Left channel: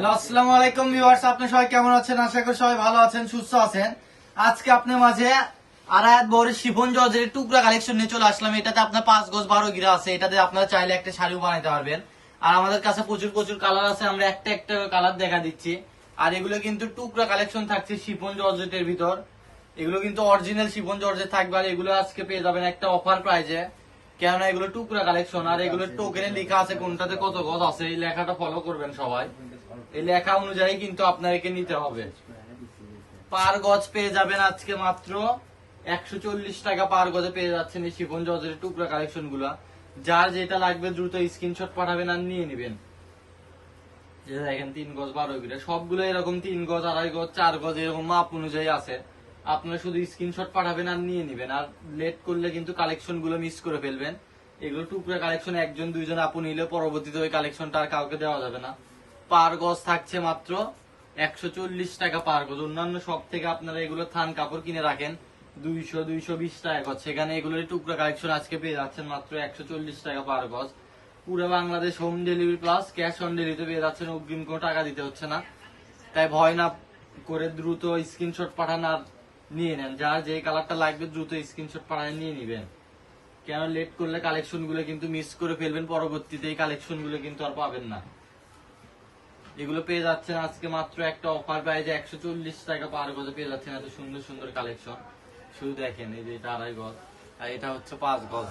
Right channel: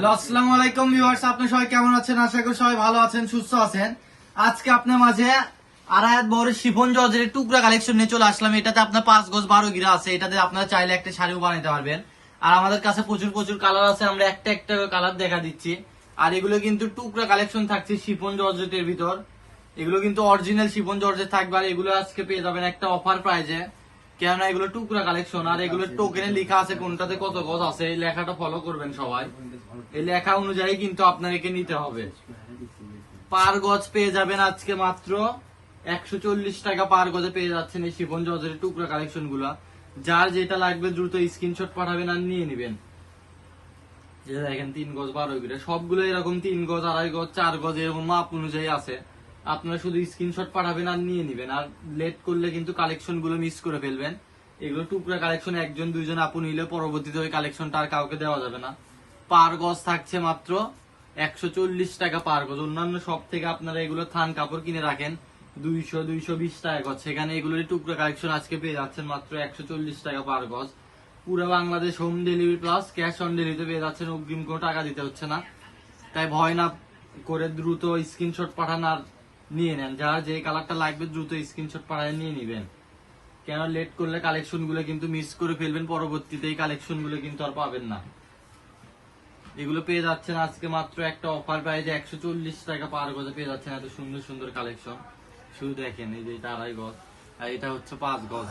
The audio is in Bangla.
হ্যালো, আসসালামু আলাইকুম ভিউয়ার্স, আপনি সবাই কেমন আছেন? আশা করি সবাই ভালো আছেন, সুস্থ আছেন। আজকে আপনার মাঝে আড়াই বড় শিফন জর্জের টুকরা কালেকশন নিয়ে চলে আসলাম। এটাতে আপনার 5 গজ 12 গিরা আছে। এটাতে আপনারা চাইলে একটা শাড়িও বানাতে পারবেন। আর আমাদের কাছে প্রচুর প্রচুর কালার আছে, আমরা একটা একটা কালার দেখা দিচ্ছি। আর এগুলো কিন্তু টুকরা কালেকশন থাকছে শিফন জর্জেটের ভিতর। এগুলো কিন্তু অরিজিনাল শিফন জর্জেট থাকবে। আর এগুলো আজকে পেয়ে যাবেন একটা অফার প্রাইজে, কেননা এগুলো টুকরা কালেকশন। আর এগুলো টোকেনে লেখা আছে কোনটাতে কত গজ আছে, এই লেখাটা ফলো করবেন সবাই। এই লেখা অনুযায়ী কিন্তু আপনাকে নিতে হবে। পার গজ পেয়ে যাবেন আজকে মাত্র 140 টাকা পার গজে পেয়ে যাচ্ছেন এই শিফন জর্জের টুকরা কালেকশন গুলা। যার যেটা লাগবে দ্রুত স্ক্রিনশট পাঠাবেন আর নিয়ে নেবেন। দেখেন 3 গজ 12 গিরা সবগুলো এরকম 3 গজ 2.5 গজ 4 গজ এরকম মাপ অনুযায়ী আছে। আপনারা শুধু স্ক্রিনশট পাঠাবেন আর নিয়ে নেবেন। আর লেট করলে কিন্তু কালেকশন গুলো মিস করে ফেলবেন। এগুলো টুকরা কালেকশন, একজন দুইজন আপু নিলে পরবর্তীতে ওই কালেকশনটা আর কাউকে দেওয়া যাবে না। পার গজ থাকছে মাত্র 140 টাকা পার গজ। অন্যান্য সব থেকে আপনারা এগুলো থান কাপড় কিনে রাখেন 200-220 টাকা গজ, সেখানে এগুলোর টুকরা কালেকশন আজকে পেয়ে যাচ্ছেন মাত্র 140 টাকা পার গজ। পুরো Bangladesh home delivery plus cash on ডেলিভারিতে পেয়ে যাচ্ছেন, অগ্রিম কোনো টাকা দিতে হচ্ছে না। তাই ভয় না করে দ্রুত স্ক্রিনশট পাঠান আর নিয়ে নেন। যার যে কালারটা লাগবে দ্রুত স্ক্রিনশট পাঠায় নিয়ে নিবেন, কেন লেট করলে কালেকশন গুলো কিন্তু মিস করে ফেলবেন। পরবর্তীতে এই কালেকশন গুলো কিন্তু আর পাবেন না। এগুলো পেয়ে যাচ্ছেন আজকে মাত্র একটা অফার প্রাইজে 140 টাকা পার গজে পেয়ে যাচ্ছেন এত সুন্দর সুন্দর কালেকশন। শুধু দেখেন, এই যে এটা 2.5 গজ আর এটা হচ্ছে 5 গজ।